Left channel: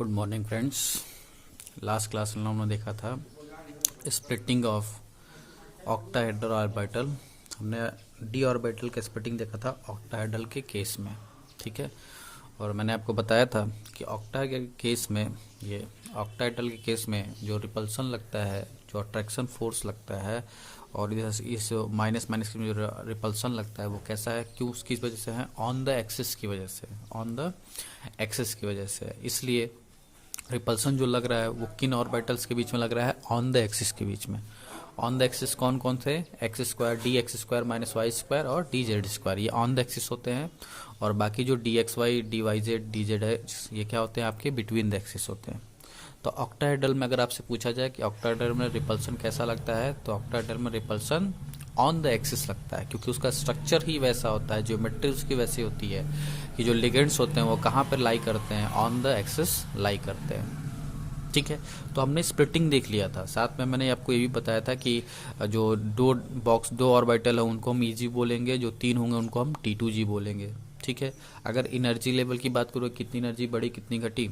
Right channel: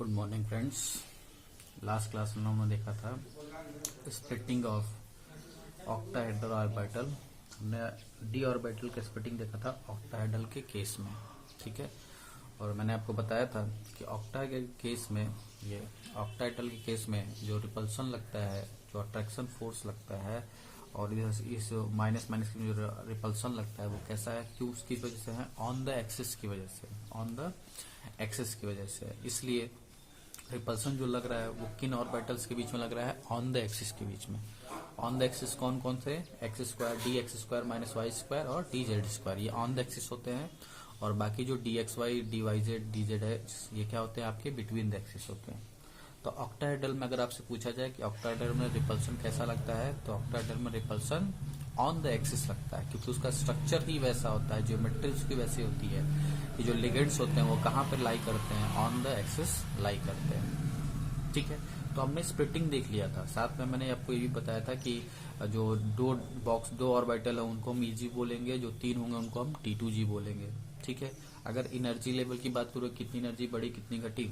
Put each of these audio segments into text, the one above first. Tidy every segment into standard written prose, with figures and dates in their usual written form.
Good morning friends. Last class में हमने देखा था स्प्लिटिंग ऑफ ऑक्टाहेड्रल ऑर्बिटल। हमने डी ऑर्बिटल का स्प्लिटिंग देखा था ऑक्टाहेड्रल के केस में, ठीक है। और मैंने आपको बताया था कि ऑक्टा के केस में, ये ऑक्टाहेड्रल के केस में जो रिपल्सन लगता है, जो अट्रैक्शन फोर्स लगता है, और इस माइनस माइनस में जो रिपल्सन लगता है वो कैसा है, क्यों, उसकी वजह से है, ऑन द एक्सिस की वजह से, ऑन द एक्सिस की वजह से। इसलिए रिपल्सन जो लग रहा है वो किन ऑर्बिटल्स के बीच में लग रहा है, ऑन द एक्सिस के बीच में। ऑन द एक्सिस कौन कौन थे, X square, D X square minus Y square और डी जेड स्क्वायर, ये ऑन द एक्सिस होते हैं। और बाकी जो D X Y, D Y Z, D Z है, ये क्या होते हैं, आपके बिटवीन द एक्सिस होते हैं। तो ऑक्टाहेड्रल में अगर आपसे पूछा जाए कि ऑक्टाहेड्रल में रिपल्सन कैसा लगता है, तो ऑक्टाहेड्रल में रिपल्सन ऑन द एक्सिस लगता है, क्योंकि उसका स्ट्रक्चर ही वैसा होता है, ज्योमेट्री उसकी वैसी होती है कि जो लिगेंड्स होते हैं वो कहाँ पर लाई करते हैं, ऑन द एक्सिस लाई करते हैं, ठीक है। तो हमने स्प्लिटिंग देख लिया था, साथ में मैंने आपको ये भी बताया था कि जो दो ऑर्बिटल है उनको हम ईजी बोलेंगे, जो तीन होंगे उनको हम T2G बोलेंगे, ठीक है। अगर एनर्जी लेवल की बात करो, कितनी एनर्जी बढ़ी कितनी घटी,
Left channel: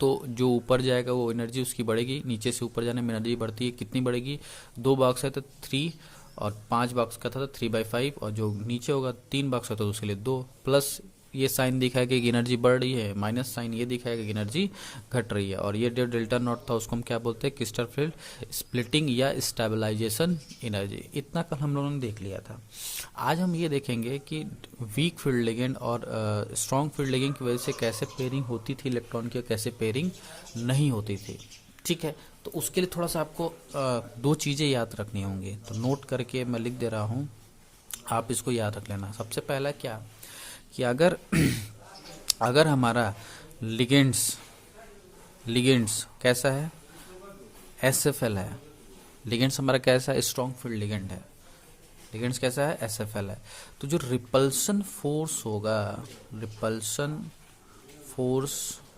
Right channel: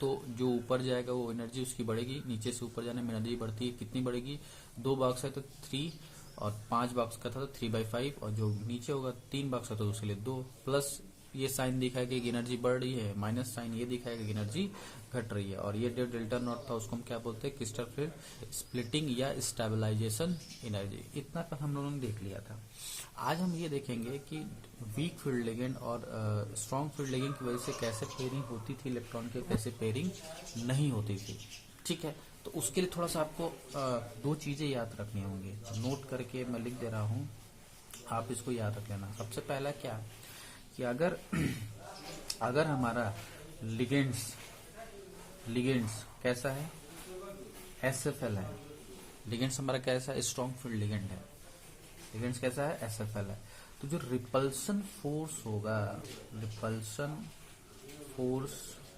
तो जो ऊपर जाएगा वो एनर्जी उसकी बढ़ेगी, नीचे से ऊपर जाने में एनर्जी बढ़ती है, कितनी बढ़ेगी, 2 बॉक्स है तो 3, और 5 बॉक्स का था तो 3/5, और जो नीचे होगा 3 बॉक्स है तो उसके लिए 2, प्लस ये साइन दिखाएगा कि एनर्जी बढ़ रही है, माइनस साइन ये दिखाएगा कि एनर्जी घट रही है। और ये जो डेल्टा नॉट था उसको हम क्या बोलते हैं, क्रिस्टल स्प्लिटिंग या स्टेबलाइजेशन एनर्जी। इतना कल हम लोगों ने देख लिया था। आज हम ये देखेंगे कि वीक फील्ड लिगेंड और स्ट्रॉन्ग फील्ड लिगेंड की वजह से कैसे पेयरिंग होती थी इलेक्ट्रॉन की, कैसे पेयरिंग नहीं होती थी, ठीक है। तो उसके लिए थोड़ा सा आपको 2 चीज़ें याद रखनी होंगी, तो नोट करके मैं लिख दे रहा हूँ, आप इसको याद रख लेना। सबसे पहला क्या कि अगर हमारा लिगेंड्स कैसा है, SFL है, लिगेंड्स हमारा कैसा है, स्ट्रॉन्ग फील्ड लिगेंड है, लिगेंड्स कैसा है, SFL है, तो जो रिपल्सन फोर्स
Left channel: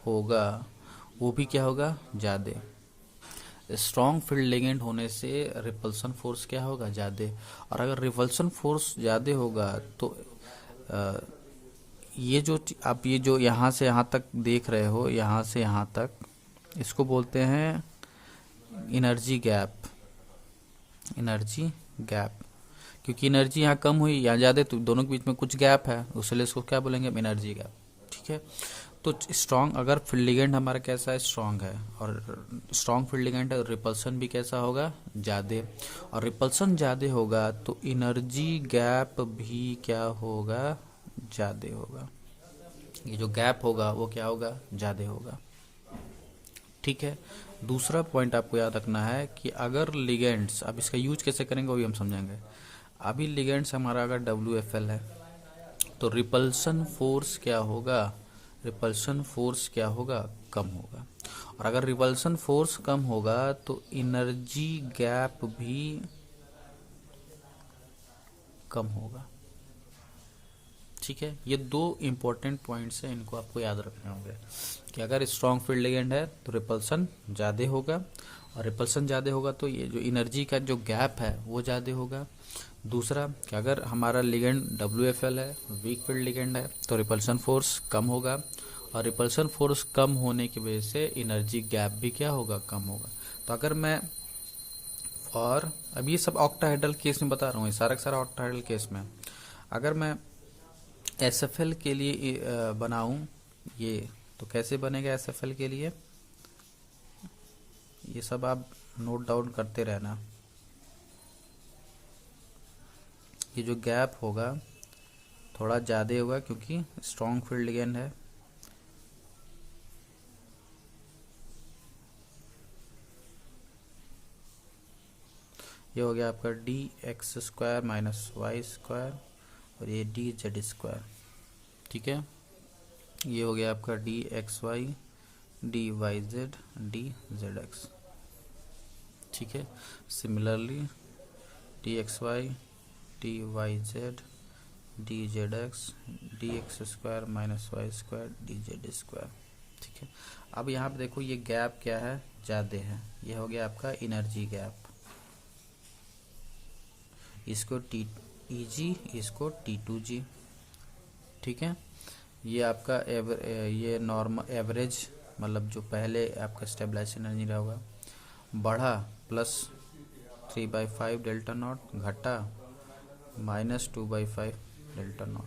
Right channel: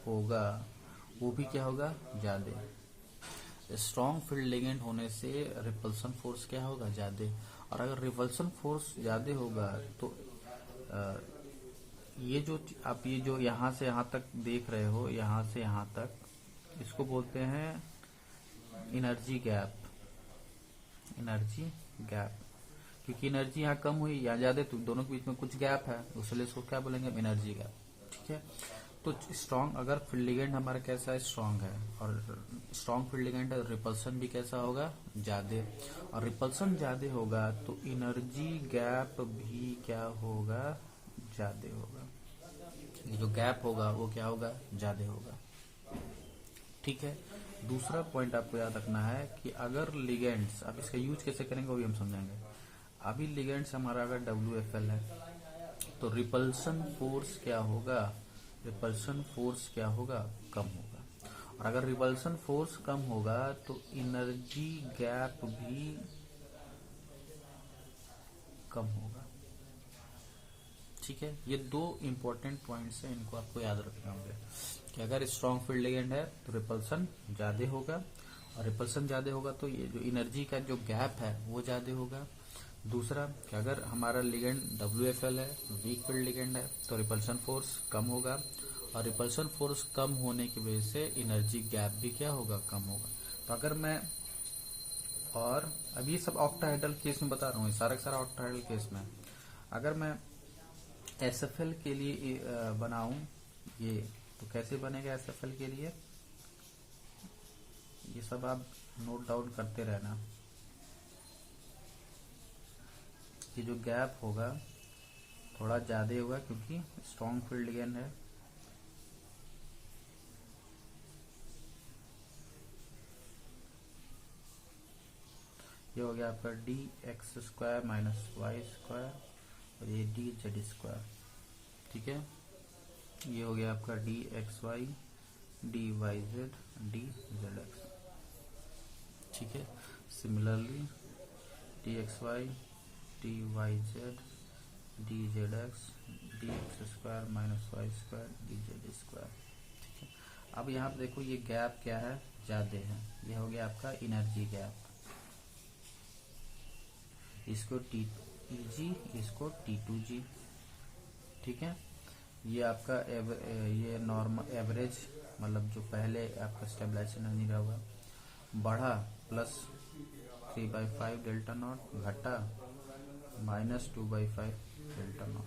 होगा वो भी क्या होगा, ज़्यादा। स्ट्रॉन्ग फील्ड लिगेंड होने से रिपल्सन फोर्स क्या होगा, ज़्यादा। और अगर रिपल्सन फोर्स ज़्यादा होगा तो ये जो आप ये जो यहाँ से यहाँ तक देख रहे हो, यहाँ से यहाँ तक, इसको बोलते हैं एनर्जी गैप। क्योंकि एनर्जी यहाँ कम हुई, यहाँ ज़्यादा, तो दोनों के बीच में कुछ गैप है, उसलिए इसको क्या बोलेंगे, एनर्जी गैप, ठीक है। तो स्ट्रॉन्ग, अगर फील्ड लिगेंड हमारा कैसा है, स्ट्रॉन्ग है, और स्ट्रॉन्ग फील्ड लिगेंड है, रिपल्सन भी कैसा होगा, ज़्यादा। और रिपल्सन ज़्यादा होगा तो एनर्जी गैप भी क्या होगा, ज़्यादा होगा। ये जो गैप होगा वो क्या होगा, ज़्यादा होगा, ठीक है। दूसरा पॉइंट आपको याद रखना है कि अगर लिगेंड्स, अब इसका यूज कैसे करेंगे वो भी हम समझेंगे। अभी लिगेंड्स हमारा अगर WFL है तो रिपल्सन फोर्स क्या होगा, कम होगा। और अगर रिपल्सन फोर्स कम होगा तो एनर्जी गैप भी कम होगा, ठीक है। ये 2 इंपॉर्टेंट पॉइंट्स हैं, इनको आपको याद रखने होंगे कि अगर स्ट्रॉन्ग फील्ड लिगेंड है तो रिपल्सन ज़्यादा होगा, और रिपल्सन ज़्यादा होगा तो ये जो एनर्जी का जो गैप है वो ज़्यादा होगा। दूसरा कि अगर हमारा लिगेंड WFL है, वीक फील्ड लिगेंड है, तो रिपल्सन फोर्स कम होगा, और रिपल्सन फोर्स कम होने की वजह से एनर्जी गैप भी क्या होगा, कम होगा। तो अगर मैं, और अभी ये सब ऑक्टाहेड्रल केस में बता रहा हूँ, सारा ऑक्टाहेड्रल केस में, अगर मैं SFL के लिए बनाऊं ये, तो कैसे बनेगा SFL के लिए, ये सब आप नोट डाउन करते रहना। ये जो गैप होगा थोड़ा ज़्यादा होगा क्योंकि स्ट्रॉन्ग फील्ड लिगेंड है, ये हो गया आपका DX² माइनस वाई स्क्वायर, और ये DZ², ठीक है। ये हो गया आपका DXY, DYZ, DZX, ठीक है। Similarly DXY, DYZ, DZX, DX² minus Y square, DZ², ठीक है। अब यहाँ पे देखो ये गैप क्या है, ज़्यादा है, ये हो गया आपका एनर्जी गैप, इसको TEG, इसको T2G, ठीक है। ये आपका ये नॉर्मल एवरेज मतलब जो पहले आपका स्टेबलाइजेशन एनर्जी रहा होगा, बढ़ा +3/5 डेल्टा नॉट, घटा -2/5 डेल्टा नॉट।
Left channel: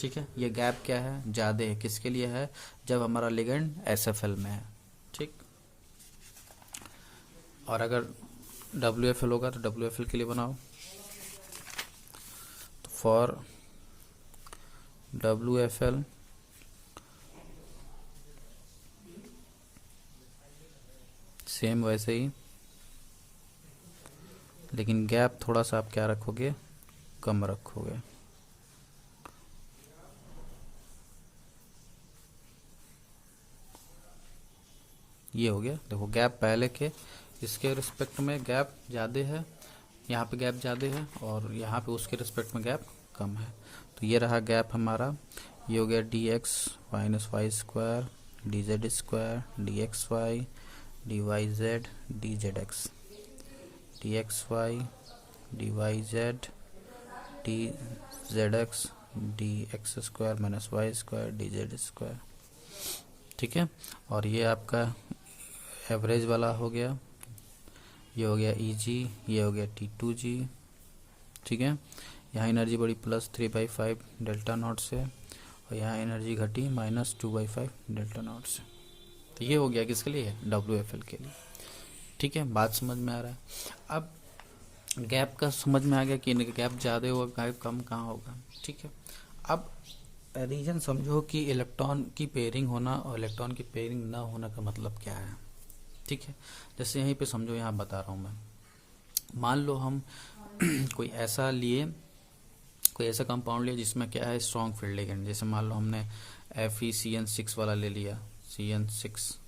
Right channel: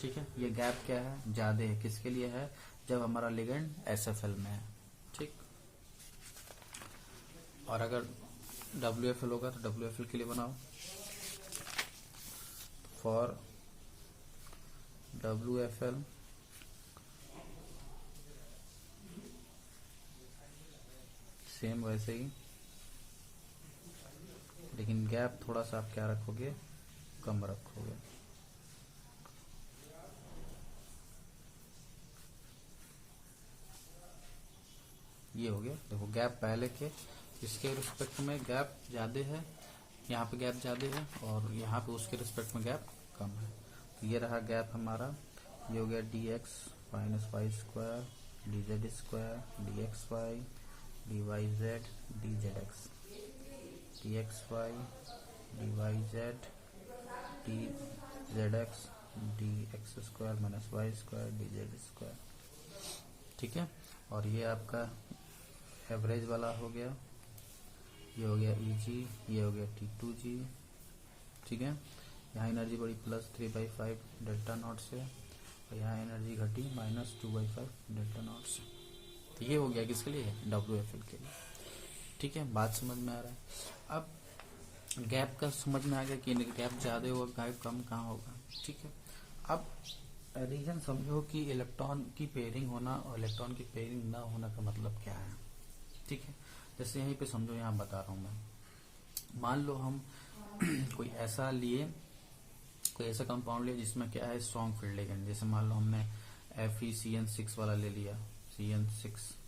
ठीक है, ये गैप क्या है, ज़्यादा है, किसके लिए है, जब हमारा लिगेंड SFL में है। ठीक, और अगर WFL होगा तो WFL के लिए बनाओ, तो फॉर WFL सेम वैसे ही, लेकिन गैप थोड़ा सा आप क्या रखोगे, कम रखोगे। ये हो गया, देखो गैप पहले के इसके रिस्पेक्ट में गैप ज़्यादा है, यहाँ पे गैप ज़्यादा है, और यहाँ पे उसके रिस्पेक्ट में गैप कम है। तो ये रहा गैप हमारा, ये हो गया dx - y² dz² dxy dyz dzx, dxy dyz dzx dx² - y² dz²। ठीक है, और ये आपका एवरेज वाला हो गया, ये हो गया Eg, ये हो गया T2g। ठीक है, यहाँ एनर्जी बढ़ी +3/5 डेल्टा नॉट से, और यहाँ एनर्जी घटी -2/5 डेल्टा नॉट से। तो ये हो गया किसके लिए, WFL के लिए। ठीक है, बात समझ में आ रहा है। अब गैप का समझ में आ गया कि गैप ज़्यादा होगा, गैप कम कहाँ होगा। ठीक है, अब रीजन समझो कि इलेक्ट्रॉन की पेयरिंग होना और इलेक्ट्रॉन की पेयरिंग ना होना का मतलब क्या है। ठीक है, जैसे यहीं पे समझो, यहाँ बता रहा हूँ मैं, मान लो हम कोई ऐसा कंपाउंड लिया जिसमें क्या है, स्ट्रॉन्ग फील्ड लिगेंड। जैसे मान लो हमने FeCN6 वाला ले लिया, CN6,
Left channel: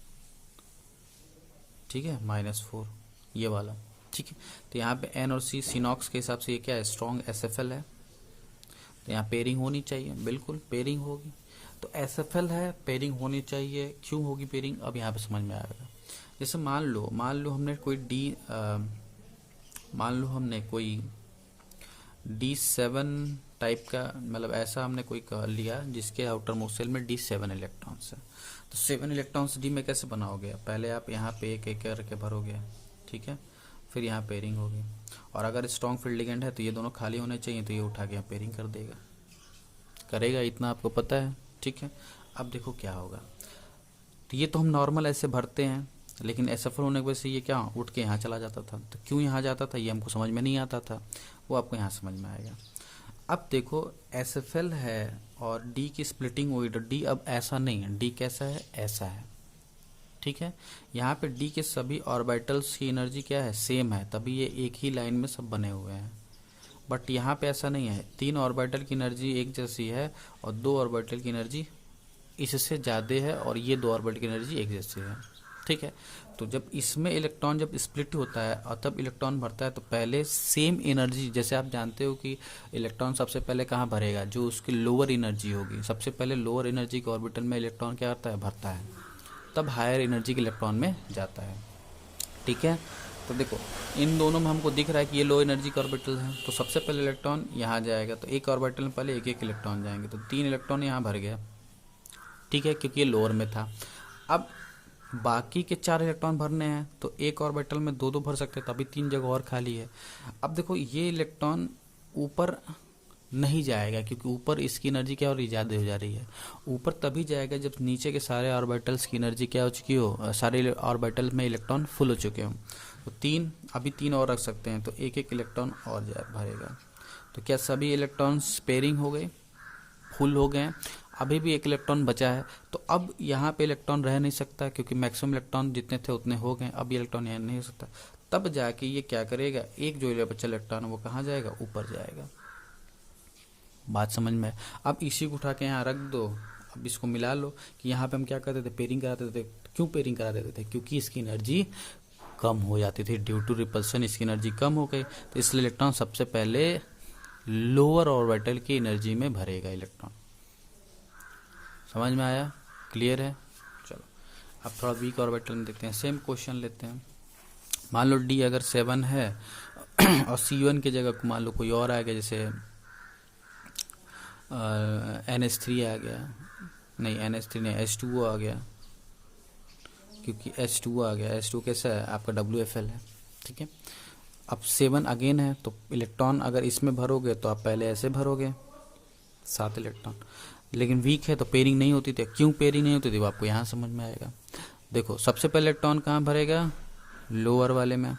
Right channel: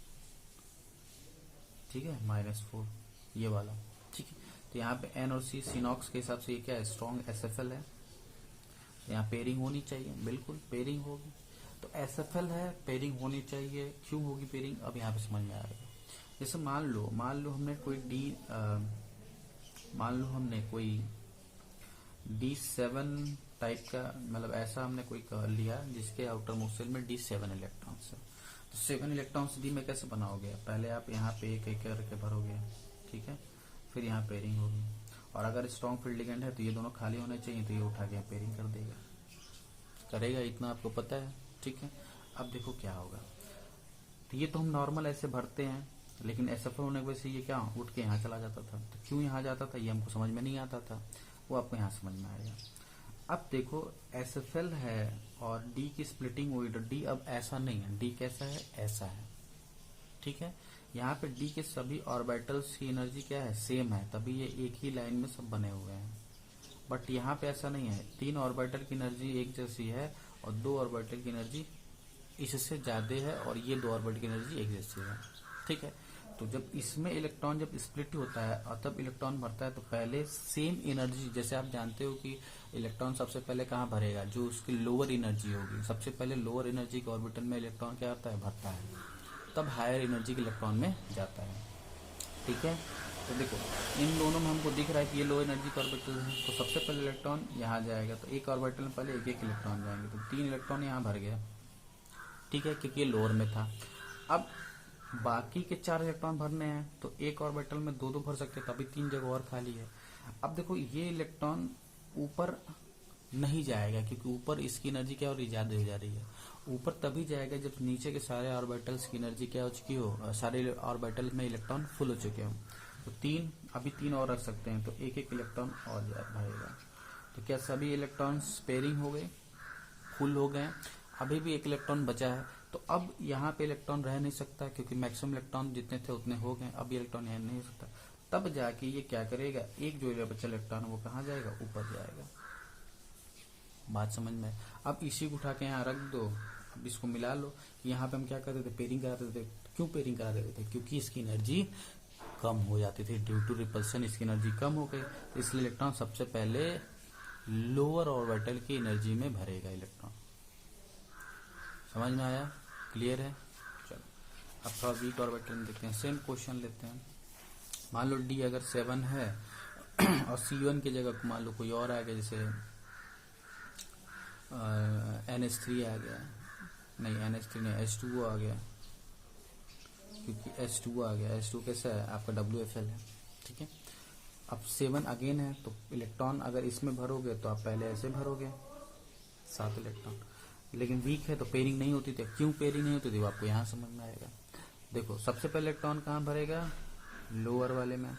ठीक है, -4 ये वाला। ठीक है, तो यहाँ पे N और C सिनॉक्स के हिसाब से ये क्या है, स्ट्रॉन्ग SFL है, तो यहाँ पेयरिंग होनी चाहिए, बिल्कुल पेयरिंग होगी। तो SFL है, पेयरिंग होनी चाहिए, क्यों होगी पेयरिंग, अब यहाँ पे समझ में आएगा। जैसे मान लो हमने कोई D7 टाइप का, मतलब ऐसा हमने कोई लिया जिसके आउटर मोस्ट शेल में D7 इलेक्ट्रॉन्स है। तो 7 इलेक्ट्रॉन्स D में कैसे बनाओगे, पहले आप यहाँ पे एक एक करके भरोगे। ठीक है, फिर यहाँ पेयरिंग होगी, और अगर स्ट्रॉन्ग फील्ड लिगेंड है तो ये दोनों खाली होने चाहिए, तो ये उठा के यहाँ पेयरिंग करेगा, इतना आपको पता है। ठीक है, अब देखो क्या होगा, तो ये तो हम नॉर्मल ऐसे भरते हैं, लेकिन SFL होने की वजह से ये क्या उठ के यहाँ चला जाता था। तो क्यों यहाँ जाता था ये हमको समझ में नहीं आता था, वो आपको यहाँ समझ में आएगा। अब देखो SFL है और D की स्प्लिटिंग हुई, तो D अब ऐसा नहीं है, D कैसा है, ऐसा है। ठीक है, यहाँ पे D के सभी ऑर्बिटल्स की एनर्जी क्या है, सेम है, तभी ये एक ही लाइन में सब बने हुए हैं। बट यहाँ पे ऐसा नहीं है, 3 ऑर्बिटल की एनर्जी एक जैसी है और 2 ऑर्बिटल की एनर्जी इससे ज़्यादा है, और ये 2 ऑर्बिटल की एनर्जी एक जैसी है। ठीक है, तो जब इसमें इलेक्ट्रॉन जब स्प्लिट होता है और तब इलेक्ट्रॉन भरता है, तो पहले सेम एनर्जी, जैसे आप जानते हो कि इलेक्ट्रॉन सबसे पहले कहाँ भरेगा, जो उसकी लोअर एनर्जी होगी, सबसे पहले लोअर एनर्जी के ऑर्बिटल में इलेक्ट्रॉन क्या करता है, भरता है, तब हायर एनर्जी के इलेक्ट्रॉन में जाता है। ठीक है, तो देखो इन दोनों में हमको दिख रहा है कि ये लो एनर्जी का ऑर्बिटल है, तो सबसे पहले इलेक्ट्रॉन यहाँ जाएगा, तो एक ऑर्बिटल में पहले एक एक इलेक्ट्रॉन जाएंगे, तो 3 इलेक्ट्रॉन यहाँ भर गया। ठीक है, क्योंकि ये लोअर में था। अब बाकी के 4 इलेक्ट्रॉन भरने हैं, तो एक ऑर्बिटल में 2-2 भर सकते हैं, तभी 3 जगह और खाली है। अब देखो ये इलेक्ट्रॉन ऊपर नहीं जाएगा, क्योंकि ऊपर इसकी एनर्जी क्या हो रही है, ज़्यादा हो जा रही है। ऊपर तभी जाएगा जब नीचे के सारे ऑर्बिटल्स की एनर्जी क्या हो चुकी हो, सारे ऑर्बिटल में इलेक्ट्रॉन फुल हो चुके हो। तो 3, अभी 3 और रख सकते हैं, तो एक एक इलेक्ट्रॉन और भरेगा। तो क्या सभी इलेक्ट्रॉन्स पेयरिंग हो गए, फुल हो गए, अभी भी एक इलेक्ट्रॉन बचा है, तो अब यहाँ पे इलेक्ट्रॉन रह नहीं सकता, क्योंकि मैक्सिमम इलेक्ट्रॉन जितने थे उतने हो गए, अब ये इलेक्ट्रॉन यहाँ नहीं हो सकता। तब जाके ये क्या करेगा, एक जो बचा इलेक्ट्रॉन वो कहाँ जाएगा, ऊपर जाएगा। बात समझ में। अब इसी को उठा के यहाँ रख दो, अब इसको मिला लो कि यहाँ पे हम क्या करते थे, पेयरिंग कराते थे। क्यों पेयरिंग करा देते थे, क्योंकि इसकी एनर्जी कम हो जाती थी, ड्यू टू रिपल्सन इसकी एनर्जी कम हो गई, तो इसलिए इलेक्ट्रॉन सबसे पहले लोअर ऑर्बिटल की एनर्जी में भरेगा इलेक्ट्रॉन। समझ में आया, क्लियर है। चलो अब थोड़ा वीक ऑर्बिटल में देखते हैं, सेम क्वेश्चन लेते हैं। मान लो D अगर 7 है और C1 की जगह मान लो कोई और आ गया, जैसे NH3 आ गया, नहीं NH3 नहीं, H2O आ गया, क्योंकि H2 आ गया, H2 कैसा है आपका WFL है, ठीक है। अब 7 अगेन है, तो इलेक्ट्रॉन अगर इसमें भरोगे तो आप पहले ऐसे भरोगे 7 इलेक्ट्रॉन, लेकिन वीक है तो पेयरिंग नहीं होती थी। क्यों पेयरिंग नहीं होती थी वो आपको यहाँ समझ में आएगा। देखो सबसे पहले इलेक्ट्रॉन कहाँ भरेगा, लोअर वाले में।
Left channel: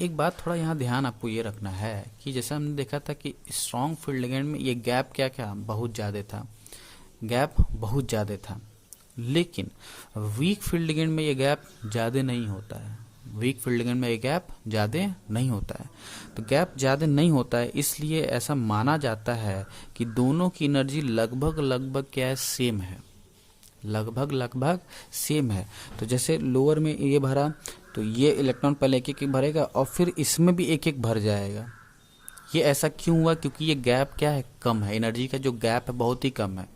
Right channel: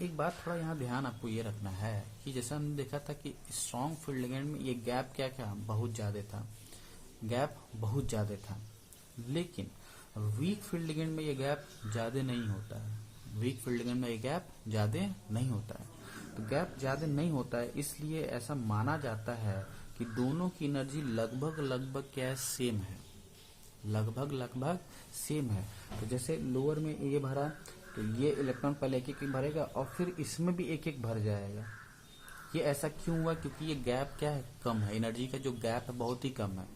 एक बात थोड़ा यहाँ ध्यान आपको ये रखना है कि जैसे हमने देखा था कि स्ट्रॉन्ग फील्ड लिगेंड में ये गैप क्या क्या बहुत ज़्यादा था, गैप बहुत ज़्यादा था। लेकिन वीक फील्ड लिगेंड में ये गैप ज़्यादा नहीं होता है, वीक फील्ड लिगेंड में ये गैप ज़्यादा नहीं होता है। तो गैप ज़्यादा नहीं होता है, इसलिए ऐसा माना जाता है कि दोनों की एनर्जी लगभग लगभग क्या है, सेम है, लगभग लगभग सेम है। तो जैसे लोअर में ये भरा तो ये इलेक्ट्रॉन पहले एक एक भरेगा और फिर इसमें भी एक एक भर जाएगा। ये ऐसा क्यों हुआ, क्योंकि ये गैप क्या है, कम है, एनर्जी का जो गैप है बहुत ही कम है।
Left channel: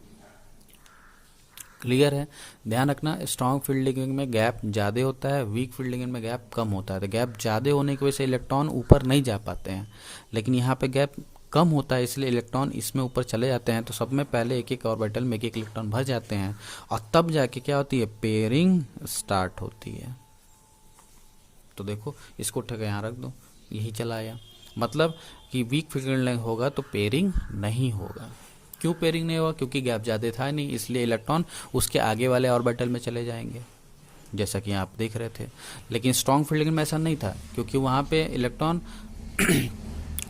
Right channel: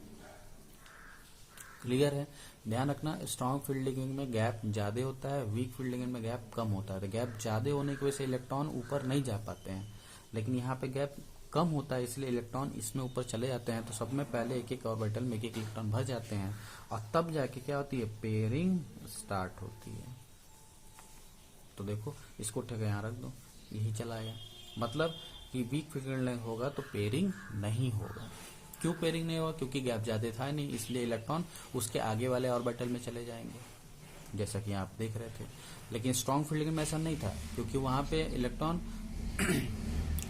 क्लियर है, ध्यान रखना। स्ट्रॉन्ग फील्ड लिगेंड में गैप ज़्यादा होता है, वीक फील्ड लिगेंड में गैप कम होता है। तो गैप ज़्यादा होने की वजह से इलेक्ट्रॉन ऊपर नहीं जा पाते हैं, लेकिन यहाँ पे गैप कम होता है इसलिए इलेक्ट्रॉन इसमें ऊपर चले जाते हैं। तो सब में पहले एक एक ऑर्बिटल में एक एक इलेक्ट्रॉन भर जाते हैं और तब जाके क्या होती है, पेयरिंग स्टार्ट होती है। तो देखो इसको उठा के यहाँ रख दो, यही चला आया। मतलब कि वीक फील्ड होगा तो पेयरिंग नहीं होगा। क्यों पेयरिंग नहीं होगा, क्योंकि गैप ज़्यादा था नहीं, इसलिए इलेक्ट्रॉन उसके आगे वाले ऑर्बिटल में चले जाएंगे, जैसा कि आप देख रहे थे। लेकिन स्ट्रॉन्ग फील्ड में ऐसा नहीं था, क्योंकि वहाँ पे इलेक्ट्रॉन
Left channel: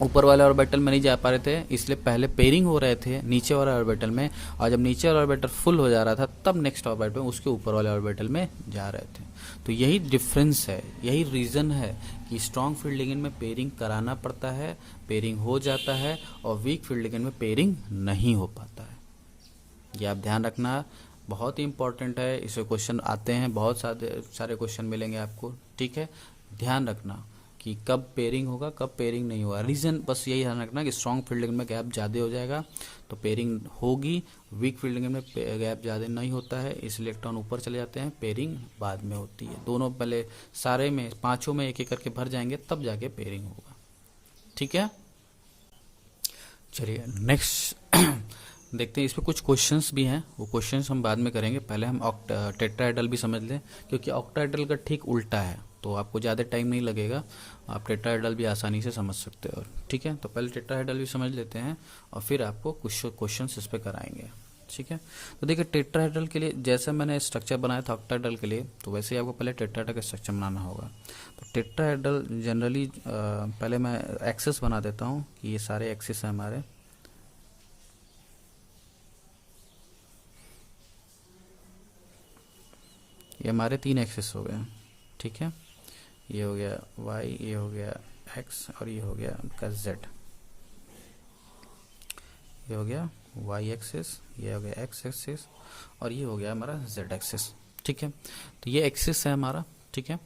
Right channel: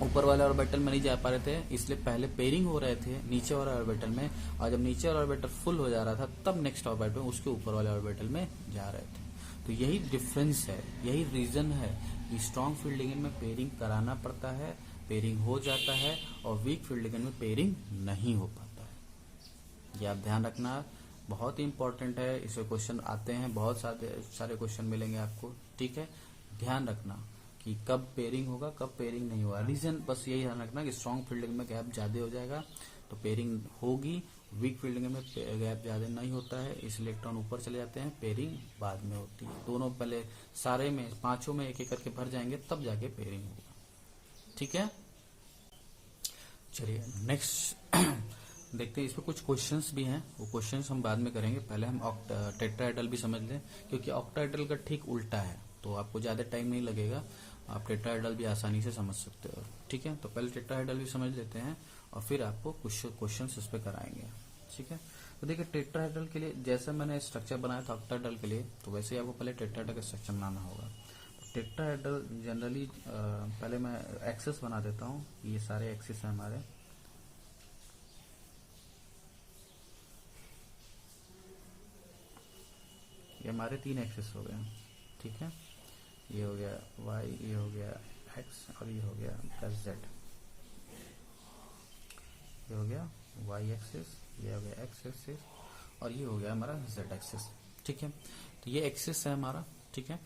ऊपर वाले ऑर्बिटल में नहीं जा पा रहे थे, इसलिए पहले पेयरिंग हो रहे थे नीचे वाले ऑर्बिटल में, और जब नीचे वाला ऑर्बिटल फुल हो जा रहा था तब नेक्स्ट ऑर्बिटल में उसके ऊपर वाले ऑर्बिटल में जा रहे थे। तो यही डिफरेंस है, यही रीज़न है कि स्ट्रॉन्ग फील्ड लिगेंड में पेयरिंग कराना पड़ता है, पेयरिंग हो जाता है, और वीक फील्ड लिगेंड में पेयरिंग नहीं हो पाता है। ये आप ध्यान रखना, बहुत ही इंपॉर्टेंट है। इससे क्वेश्चन आते हैं, बहुत सारे क्वेश्चन मिलेंगे आपको, ठीक है। ध्यान रखना कि कब पेयरिंग होगा, कब पेयरिंग नहीं होगा। रीज़न बस यही ध्यान रखना कि स्ट्रॉन्ग फील्ड लिगेंड में गैप ज़्यादा हो जाएगा तो पेयरिंग होगी, वीक फील्ड लिगेंड में गैप ज़्यादा नहीं होता है, इस इलेक्ट्रॉन ऊपर चले जाते हैं, पेयरिंग बाद में होती है। दोनों पहले सारे में, पांचों में एक एक करके भर जाएंगे तब जाके पेयरिंग होगा, ठीक है। चलिए नेक्स्ट देखते हैं, इस पर कुछ क्वेश्चंस भी हैं, वो क्वेश्चंस हम बाद में करेंगे। पहले हम टेट्राहेड्रल भी समझ लें, क्योंकि ऑक्टाहेड्रल का ठीक उल्टा है, तो आपको ज़्यादा टाइम नहीं लगेगा, आप टेट्राहेड्रल भी आसानी से समझ सकते हो, ठीक है। तो पहले टेट्राहेड्रल भी समझ लेते हैं और फिर आपको कुछ क्वेश्चंस इस पर कराएंगे, ठीक है। तो देखिए टेट्राहेड्रल के लिए जैसे मैंने स्ट्रक्चर बनाया था ऑक्टाहेड्रल के लिए, तो वैसे ही आपको पहले टेट्राहेड्रल का स्ट्रक्चर बनाना होगा। तो टेट्राहेड्रल जनरली पहले मैं एक्सिस बना देता हूँ, ये सारे एक्सिस हैं हमारे। ये हमारे 3 एक्सिस हो गए, ठीक है। ये हो गया y, ये हो गया x और ये हो गया आपका z। ये हो गया y एक्सिस, ये हो गया x एक्सिस और ये हो गया हमारा z एक्सिस, ठीक है। तो ये एक्सिस है हमारा, ठीक है।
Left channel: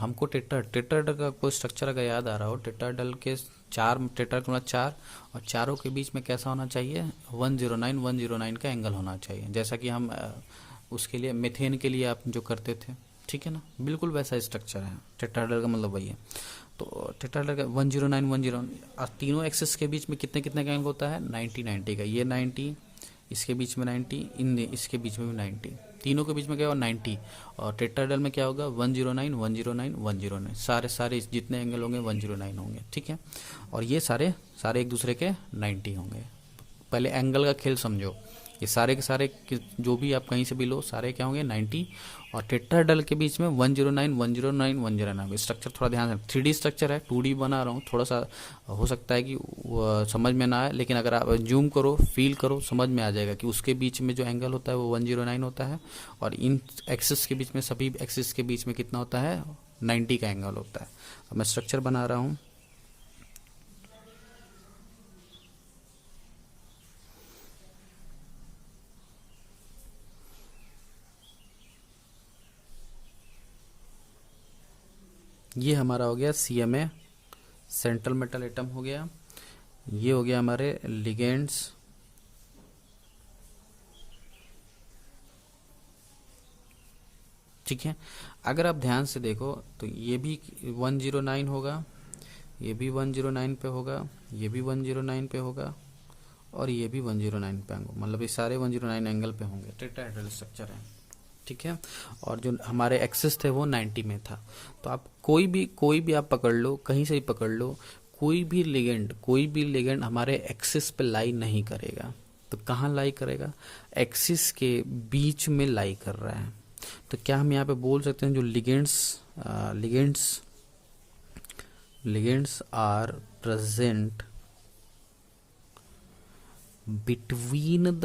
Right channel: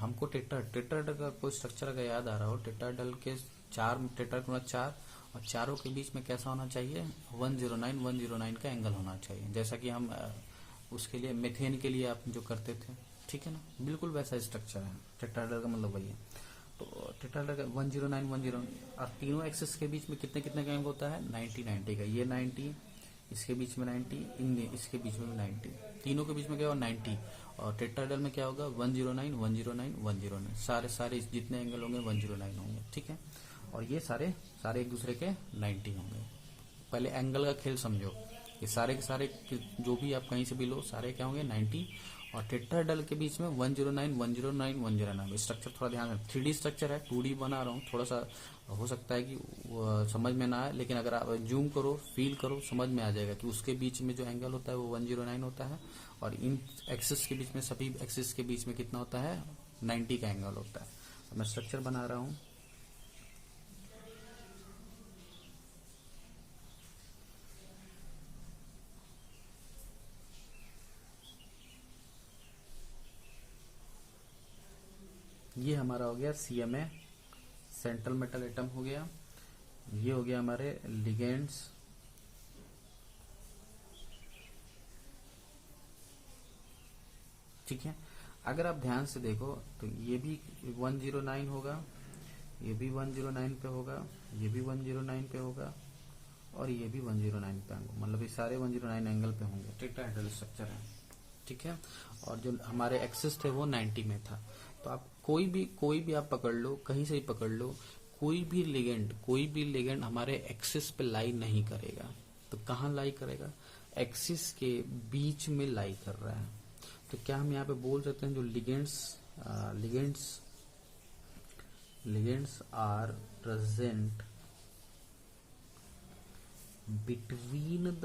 हमको टेट्राहेड्रल का कोई स्ट्रक्चर अगर याद आ रहा हो, टेट्राहेड्रल के 4 टेट्राहेड्रल 4 और चारों के बीच में कैसा होना चाहिए, 109 का एंगल होना चाहिए, जैसा कि हम उसके लिए मेथेन के लिए आप जो करते थे, ठीक है ना, बिल्कुल वैसा स्ट्रक्चर है। टेट्राहेड्रल का मतलब वही है। तो टेट्राहेड्रल का 109 और तीनों एक्सिस के बीच में कितने कितने का एंगल होता है, 90 का। ये 90, इसके बीच में 90, इसके बीच में भी 90, तीनों के बीच में क्या होगा 90। और टेट्राहेड्रल में क्या होगा 109 सारे जितने एंगल होंगे 109 होंगे, ठीक है। और ये सारे एक दूसरे के 90 होंगे। पहले एंगल का खेल समझो, ये सारे के सारे जो भी आप कहीं से भी लो, सारे क्या होंगे 90। और टेट्राहेड्रल के बीच में 109 स्ट्रक्चर थोड़ा ध्यान रखें। 3D स्ट्रक्चर है, 2D बना रहा हूँ, थोड़ा सा हो सकता है कि समझ में ना आए, लेकिन अगर आप जूम करो, फील करो, समझ में आ जाएगा कि उसके बीच में जो एंगल होता है वो 109 होता है, और इन एक्सिस के बीच में, सभी एक्सिस के बीच में कितना होता है, 90 का एंगल होता है। अब मैं स्ट्रक्चर बना रहा हूँ। ये हमारा हो गया CMA, सेंट्रल मेटल एटम हो गया। ये हो गया हमारे लिगेंड्स, ठीक है। अगर आप ध्यान से देखो तो ये भी 109 होगा, ये भी 109 पे होगा, ये भी 109 पे होगा, और ये भी 109 पे होगा, मतलब ये सारे 109 एंगल पे होंगे। टेट्राहेड्रल स्ट्रक्चर है, ठीक है। और जो हमारे एक्सिस थे वो 90 में था। तो आप कोई भी आप पकड़ लो, कहीं से ही पकड़ लो, कोई भी लिगेंड हमारे एक्सिस पे लाई नहीं करेगा। तो कहाँ लाई करेगा? एक्सिस के बीच में लाई कर रहा है। तो क्या हम यहाँ पे बोल सकते हैं जो ligands are present between the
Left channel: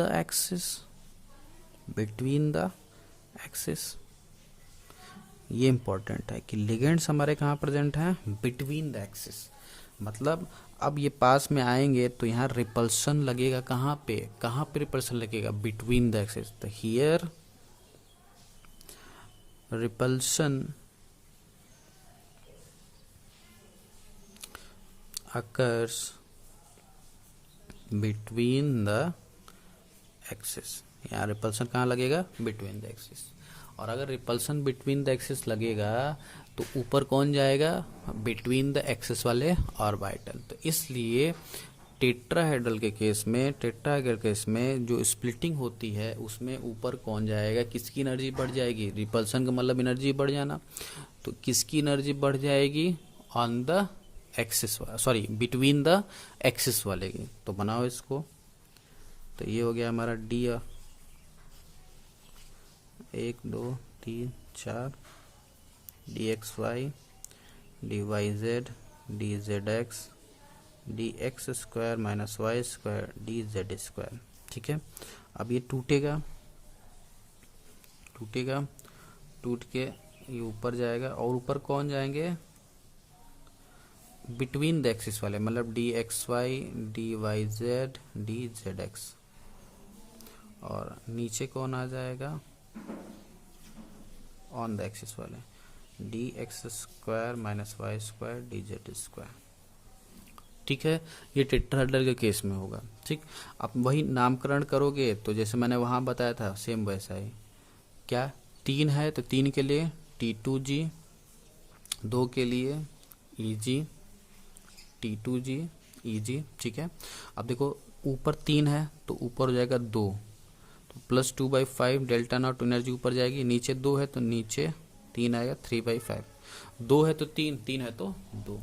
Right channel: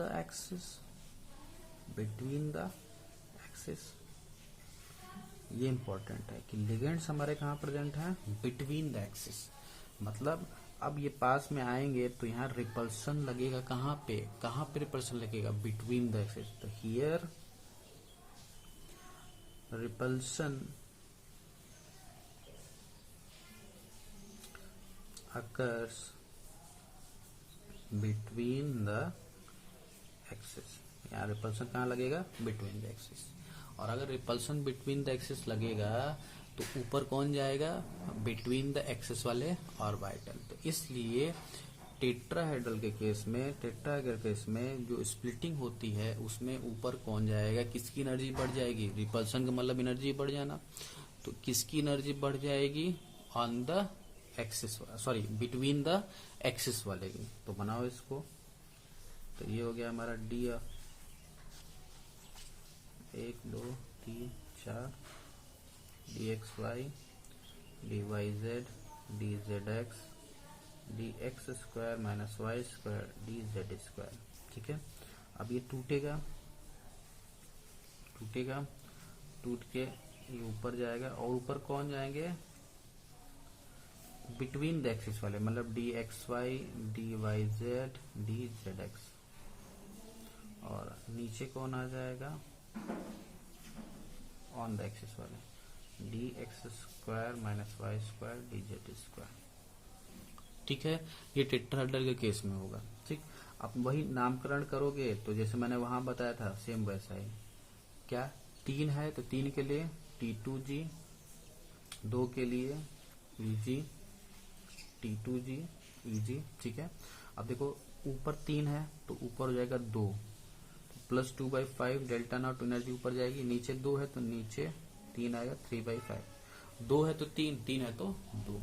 axis, ये इंपॉर्टेंट है कि लिगेंड्स हमारे कहाँ प्रेजेंट हैं? Between the axis. मतलब अब ये पास में आएंगे तो यहाँ रिपल्सन लगेगा। कहाँ पे रिपल्सन लगेगा? Between the axis. तो here repulsion occurs between the axis. यहाँ रिपल्सन कहाँ लगेगा? Between the axis. और अगर रिपल्सन बिटवीन द एक्सिस लगेगा तो ऊपर कौन जाएगा? बिटवीन द एक्सिस वाले ऑर्बिटल। तो इसलिए टेट्राहेड्रल के केस में जो स्प्लिटिंग होती है उसमें ऊपर कौन जाएगा? किसकी एनर्जी बढ़ जाएगी? रिपल्सन का मतलब एनर्जी बढ़ जाना। तो किसकी एनर्जी बढ़ जाएगी? On the axis, sorry between the axis वाले की। तो बनाओ इसको। तो ये हो गया हमारा D, 1 2 3 4 D X Y D Y Z D Z X D X square minus Y square D Z square. ठीक है। अब ये टूटेगा, टूट के ये ऊपर जाएगा। और ऊपर कौन जाएंगे? बिटवीन द एक्सिस वाले, मतलब D X Y D Y Z D Z X. और नीचे कौन आ जाएगा? ऑन द एक्सिस वाले, D X square minus Y square D Z square. ठीक है। ये टेट्राहेड्रल के केस में होगा। ठीक। आप वही नामकरण करोगे तो जैसे मैंने वहां बताया था सेम वैसा ही। क्या 3 है तो 3 के लिए T2G, 2 के लिए EG, T2G EG। ठीक है। अब देखो ऊपर 3 है तो ऊपर हो जाएगा 2, तो +2/5 डेल्टा नॉट एनर्जी ऊपर जाएगी। नीचे 2 है तो नीचे 3 आएगा, 3/5। 2 है तो 3, 3 है तो 2।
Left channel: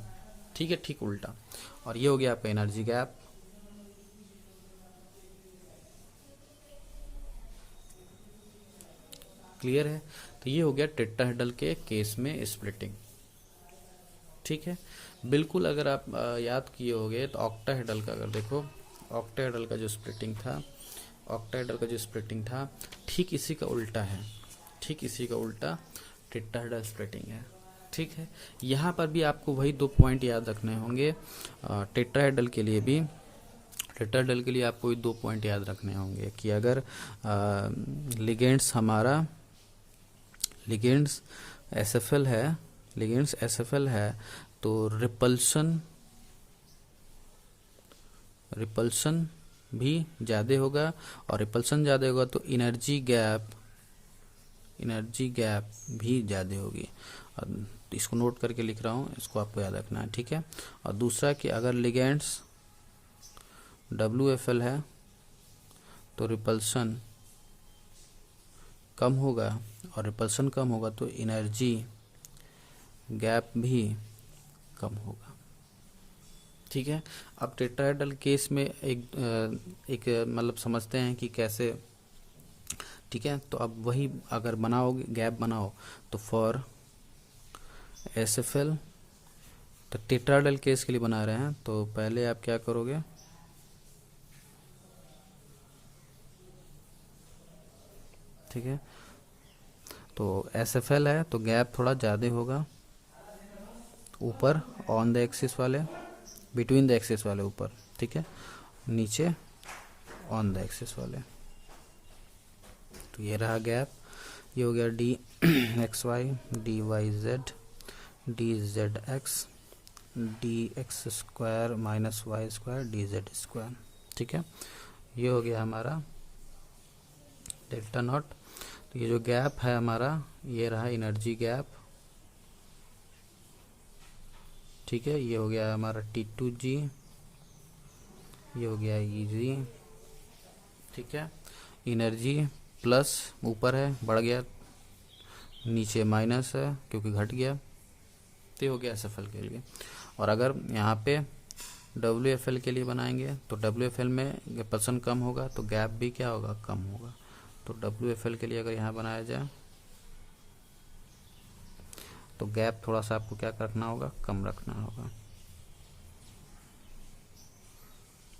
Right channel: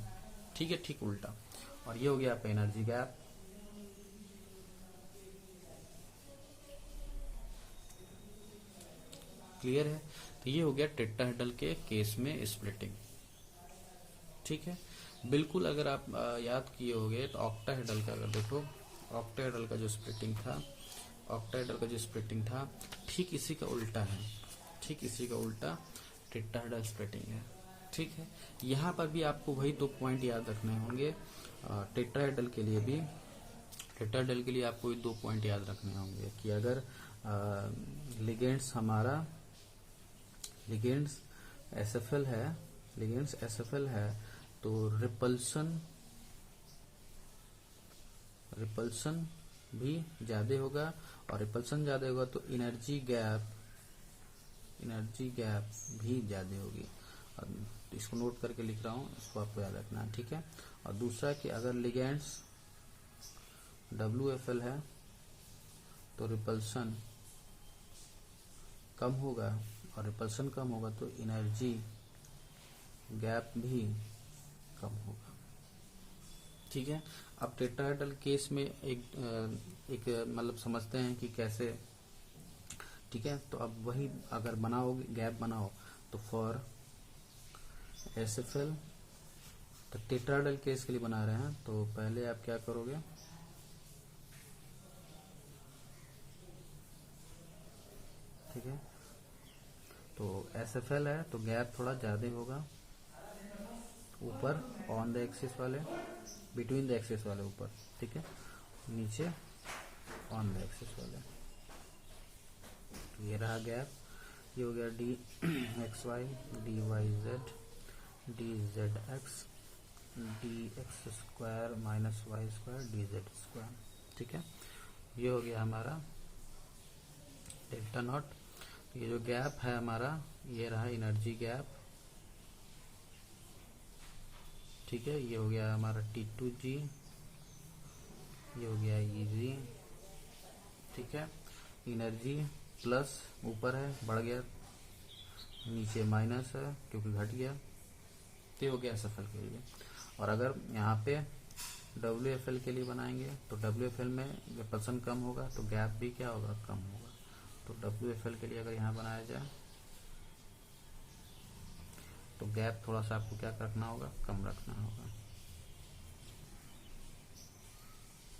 ठीक है, ठीक उल्टा। और ये हो गया आपका एनर्जी गैप। क्लियर है? तो ये हो गया टेट्राहेड्रल के केस में स्प्लिटिंग। ठीक है। बिल्कुल अगर आप याद किए होंगे तो ऑक्टाहेड्रल का अगर देखो, ऑक्टाहेड्रल का जो स्प्लिटिंग था ठीक इसी का उल्टा है। ठीक इसी का उल्टा टेट्राहेड्रल स्प्लिटिंग है। ठीक है। यहाँ पर भी आपको वही 2 पॉइंट याद रखने होंगे। टेट्राहेड्रल के लिए आपको 2 पॉइंट याद रखने होंगे कि अगर लिगेंड्स एसएफएल है तो रिपल्सन भी ज़्यादा होगा। और रिपल्सन ज़्यादा होगा तो एनर्जी गैप भी ज़्यादा होगी। और इसको नोट करके लिख रहा हूँ, इसको आपको याद रखना है। ठीक है। और दूसरा कि अगर लिगेंड्स WFL है तो रिपल्सन कम होगा, और रिपल्सन कम होगा तो एनर्जी गैप भी कम होगा। ठीक है। अब टेट्राहेड्रल केस में एक मतलब समझते हैं कि कैसे। ठीक है। तो अब वही अगर बनाओगे, गैप बनाओ तो फॉर एसएफएल, तो टेट्राहेड्रल केस के लिए बना रहे हैं तो पहले आप क्या करोगे? ठीक है। तो एसएफएल है तो गैप थोड़ा ज़्यादा होगा ऊपर ऑन द एक्सिस वाले, बिटवीन द एक्सिस वाले ऊपर। ठीक है। नीचे ऑन द एक्सिस वाले। तो ये रहा गैप। ये हो गया D X Y D Y Z D Z X D X square minus Y square D Z square. ठीक है। ये हो गया हमारा डेल्टा नॉट। तो ये जो गैप है हमारा, ये रहा एनर्जी गैप। ठीक है। ये हो गया हमारा T2G, ये हो गया EG। ठीक है। एनर्जी प्लस ऊपर है, बढ़ गया नीचे माइनस है क्योंकि घट गया, तो ये हो गया SFL के लिए। और अगर यहाँ पे WFL के लिए बनाएंगे तो WFL में रिपल्सन कम होगा तो गैप भी क्या होगा, कम होगा। तो WFL के लिए अगर यहाँ बनाया जाए तो गैप थोड़ा सा आपको क्या रखना होगा, कम रखना होगा।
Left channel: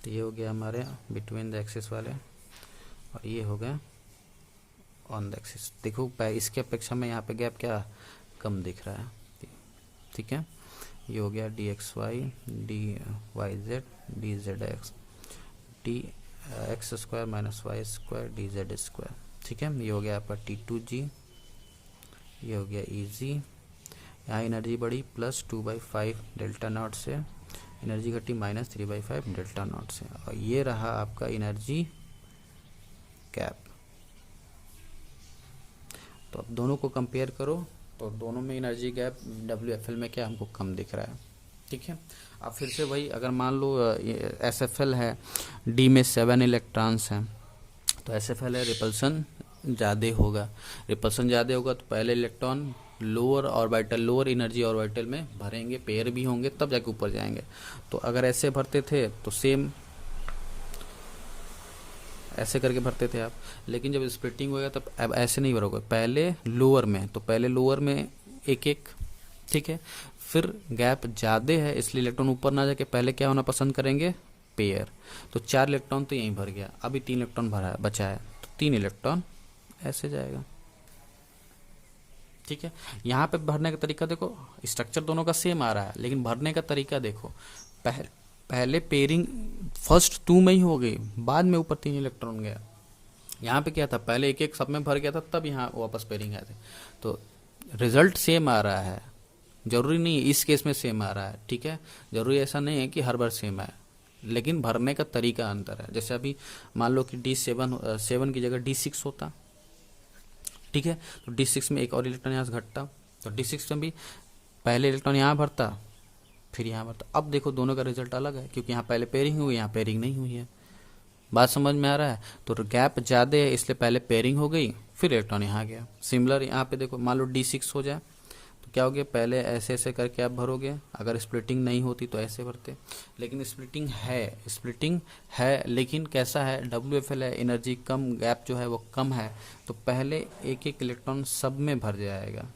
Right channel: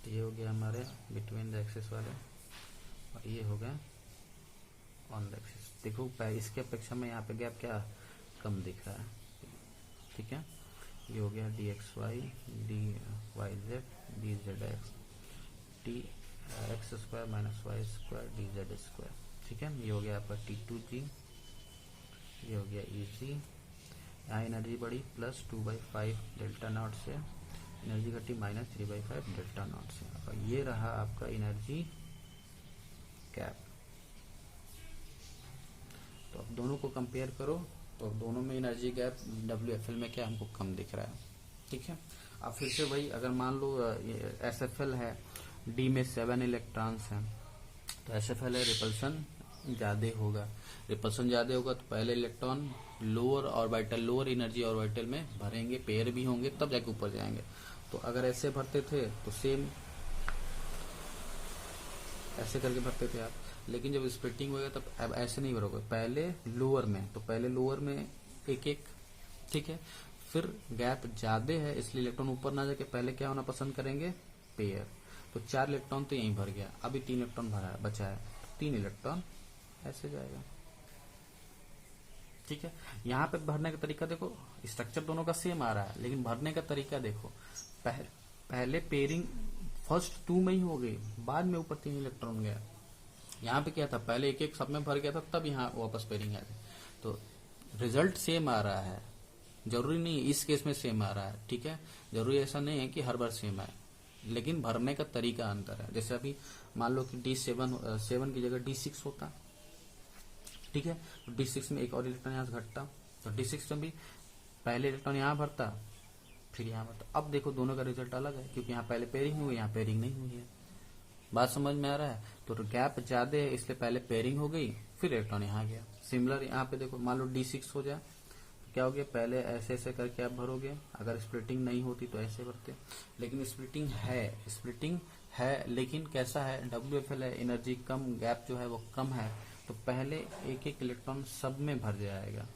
तो ये हो गया हमारे बिटवीन द एक्सिस वाले, और ये हो गया ऑन द एक्सिस। देखो इसके अपेक्षा में यहाँ पे गैप क्या कम दिख रहा है, ठीक है। ये हो गया DXY DYZ DZX DX² minus Y² DZ², ठीक है। ये हो गया आपका T2G, ये हो गया EG। यहाँ एनर्जी बढ़ी +2/5 डेल्टा नॉट से, एनर्जी घटी -3/5 डेल्टा नॉट से, और ये रहा आपका एनर्जी गैप। तो अब दोनों को कंपेयर करो तो दोनों में एनर्जी गैप WFL में क्या हमको कम दिख रहा है, ठीक है। अब फिर से वही, अगर मान लो SFL है, D में 7 इलेक्ट्रॉन्स हैं, तो SFL है रिपल्सन ज़्यादा होगा। रिपल्सन ज़्यादा होगा तो पहले electron lower orbital, lower energy orbital में भरेंगे, पेयर भी होंगे, तब जाके ऊपर जाएंगे। तो अगर ऐसे भरते थे तो सेम ऐसे करके भरते थे आप, लेकिन जब स्प्लिटिंग हो गया तब अब ऐसे नहीं भरोगे, पहले लोअर में, तो पहले लोअर में एक एक, ठीक है। फिर गैप ज़्यादा है इसलिए इलेक्ट्रॉन ऊपर ना जाके पहले क्या होना पसंद करेंगे, पेयर। तो 4 इलेक्ट्रॉन तो यहीं भर गया, अभी 3 इलेक्ट्रॉन भरा है, बचा है, तो 3 इलेक्ट्रॉन ऐसे जाएगा, ठीक है। यहाँ पे भरने का तरीका देखो, स्ट्रक्चर दोनों का सेम आ रहा है, लेकिन भरने का तरीका देखो, पहले पेयरिंग फर्स्ट 2 में ही हो गई, बाद में ऊपर 3 इलेक्ट्रॉन गया। यहाँ पे क्या था, पहले एक एक सब में भर गया था, तब यहाँ वापस पेयरिंग आए थे। तो रिजल्ट सेम आ रहा है, जरूरी नहीं इस केस में सेम आ रहा है, ठीक है। जरूरी ऐसा नहीं है कि हर बार सेम आए, लेकिन भरने का तरीका अंतर है। जैसे अभी मान लो कि D7 की जगह D6 होता, ठीक है, तो D6 में एक और इलेक्ट्रॉन यहाँ से घटता, तो D6 में भी पहले इलेक्ट्रॉन यहाँ भरता फिर यहाँ भरता। अब देखो दोनों का रिजल्ट अलग है, क्योंकि यहाँ पहले पेयरिंग हुई, यहाँ पेयरिंग नहीं हुई है। बात समझ में आ रहा है। तो गैप ज़्यादा है इसलिए पहले पेयरिंग हो गई, फिर इलेक्ट्रॉन यहाँ गया। सिमिलर यहाँ पे देखो, मान लो D6 हो जाए तो क्या हो गया, पहले ऐसे ऐसे करके आप भरोगे, अगर स्प्लिटिंग नहीं होती तो ऐसे भरते, लेकिन स्प्लिटिंग है, लेकिन कैसा है, WFL है, एनर्जी कम, गैप जो है वो कम है, तो पहले एक एक इलेक्ट्रॉन सब में भर जाएगा,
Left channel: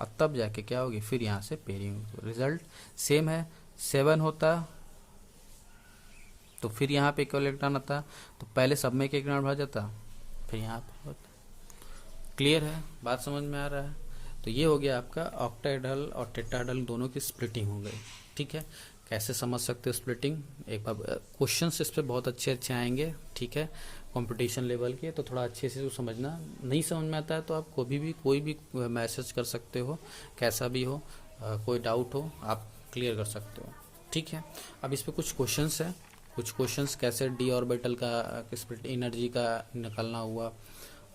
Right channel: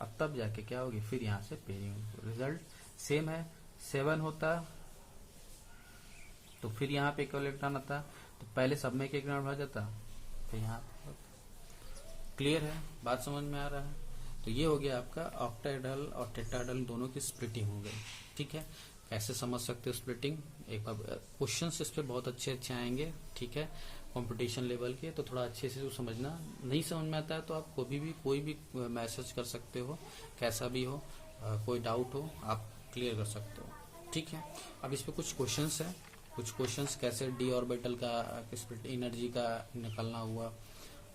और तब जाके क्या होगी, फिर यहाँ से पेयरिंग। रिजल्ट सेम है, 7 होता तो फिर यहाँ पे एक इलेक्ट्रॉन आता, तो पहले सब में एक इलेक्ट्रॉन भर जाता, फिर यहाँ पे होता। क्लियर है, बात समझ में आ रहा है। तो ये हो गया आपका ऑक्टाहेड्रल और टेट्राहेड्रल दोनों की स्प्लिटिंग हो गई, ठीक है। कैसे समझ सकते हो स्प्लिटिंग, एक बार क्वेश्चंस इस पे बहुत अच्छे अच्छे आएंगे, ठीक है, कंपटीशन लेवल के, तो थोड़ा अच्छे से समझना। नहीं समझ में आता है तो आप कोई भी मैसेज कर सकते हो, कैसा भी हो, कोई डाउट हो आप क्लियर कर सकते हो, ठीक है। अब इस पे कुछ क्वेश्चंस है, कुछ क्वेश्चंस कैसे D ऑर्बिटल का एनर्जी का निकालना हुआ,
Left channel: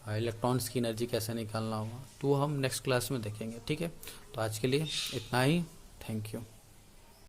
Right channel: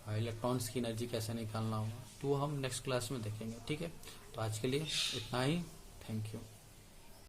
इलेक्ट्रॉन्स की एनर्जी कैसे निकालना हुआ, तो हम नेक्स्ट क्लास में देखेंगे, ठीक है। तो आज के लिए इतना ही, थैंक यू।